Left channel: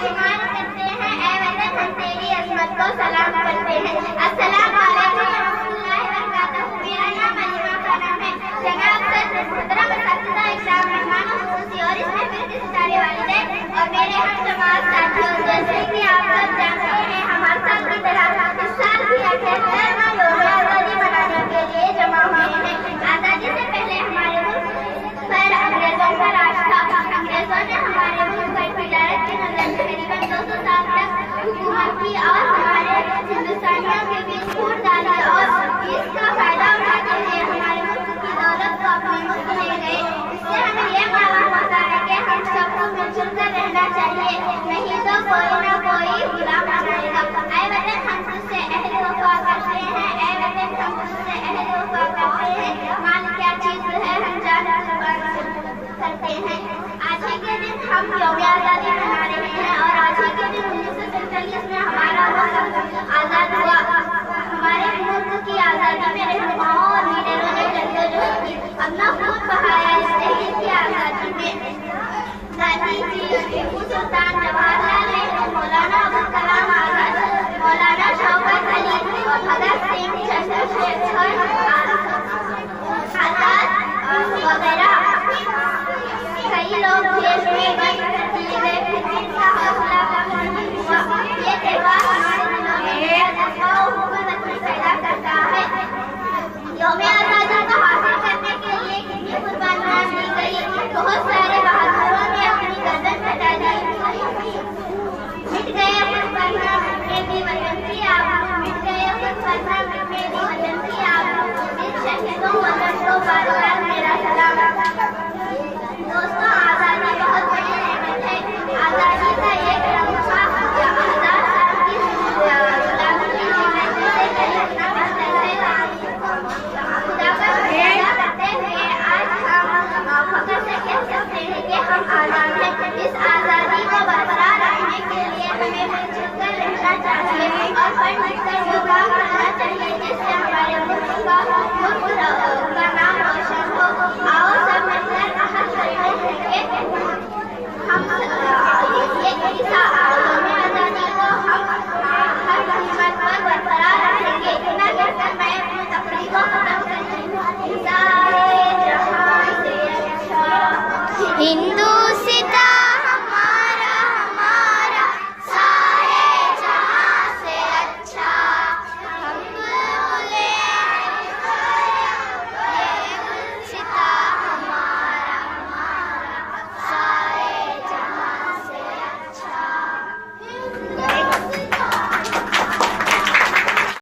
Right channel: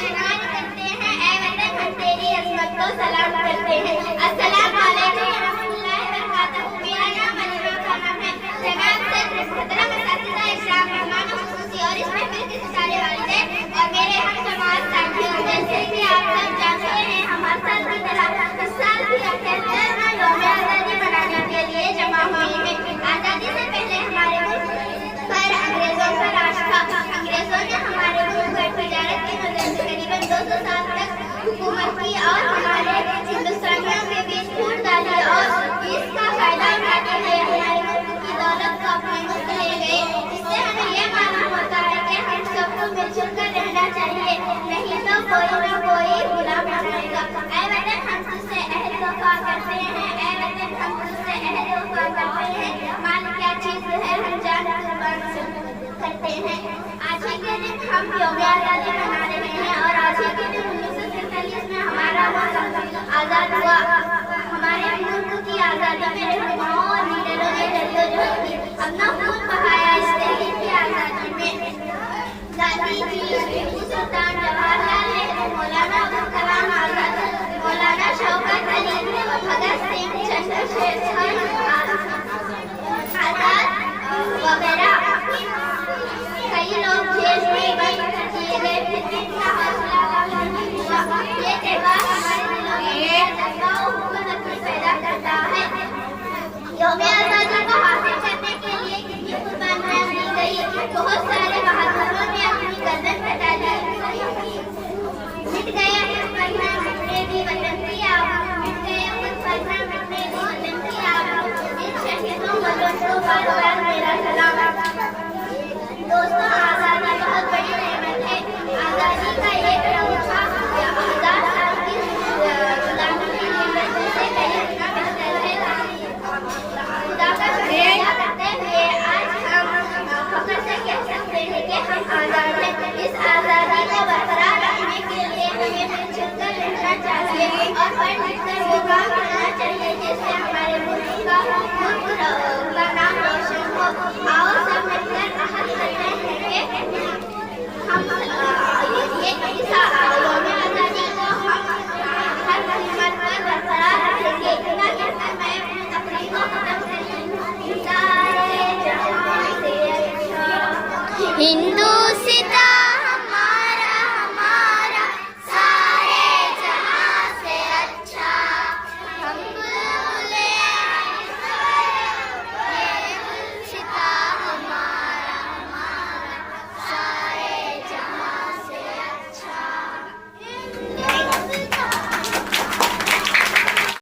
शुमार करते हैं। ऐ वतन हम तेरी अज़मत को सलाम करते हैं। अस्सलाम वालेकुम रहमतुल्लाहि व बरकातहू। मेरा नाम अलीमा खानम है। जनाब सदर मोहतरम असातिज़ा इकराम मेहमान खुसूसी और इस महफिल के सितारे वालिदैन और मेरे हम जमात साथियों, जैसे कि आप सब जानते हैं हमारे साल की तरह इस साल भी 78वां यौम आज़ादी मनाने के लिए जमा हुए हैं। आज़ादी से पहले हमारे मुल्क पर अंग्रेजों का राज था। अंग्रेजों ने हमारे मुल्क पर तिजारत के नजर से करीबन 200 साल तक हुकूमत की और हमारे हिंदुस्तानियों के बीच फूट डाली और इसका फायदा उठाते हुए हमारे मुल्क की दौलत को अपने मुल्क ले गए। इससे हमें यह मालूम होता है कि हम सबको मिलजुल कर रहना चाहिए, नहीं तो कोई न कोई गुलाम बनाएगा। ऐ वतन हम तुझसे अहद वफा करते हैं। ऐ वतन हम तुझसे अहद वफा करते हैं। माल क्या चीज है हम जान कुर्बान करते हैं। आज ही के दिन हम यौम आज़ादी मना रहे हैं और आज ही के दिन 1947 में हमारा मुल्क आज़ाद हुआ। हमारे मुल्क की आज़ादी में रहनुमाओं और लीडरों ने जद्दोजहद की, अपना खून बहाया इस तहरीक की आज़ादी में। गांधी जी, टीपू सुल्तान, जवाहरलाल नेहरू, मौलाना अबुल कलाम आज़ाद, मौलाना शौकत अली, भगत सिंह, चंद्रशेखर आज़ाद वगैरह कई लोग जेल में बंद किए गए, फिर भी इनका हौसला कम नहीं हुआ। ये त्योहार हमारे दिलों में जज्बा और हुकूमत पैदा करता है। यौम आज़ादी को हासिल करने के लिए कितनी कुर्बानियां दी गई। बहुत सारे बहादुरों ने अपनी गर्दन कटा दी। मिट गए कुछ पन्ना मिटने दी वतन की आबरू, मिट गए कुछ पन्ना मिटने दी वतन की आबरू। इन शहीदों वतन को बार बार मेरा सलाम। दोस्तों, आज़ादी बहुत बड़ी नेमत है। आज़ादी का एक लम्हा या आज़ाद साल की गुलामी की जिंदगी से कहीं अपना बदल है। खुदा का शुक्रिया करते हुए आज हम फख्र से कह सकते हैं कि हम आज़ाद हैं। इस आज़ादी को बरकरार रखने के लिए हमें मिलजुल कर रहना चाहिए और बढ़-बढ़कर योगदान करना चाहिए, जिससे हमारे मुल्क का नाम रोशन हो। आओ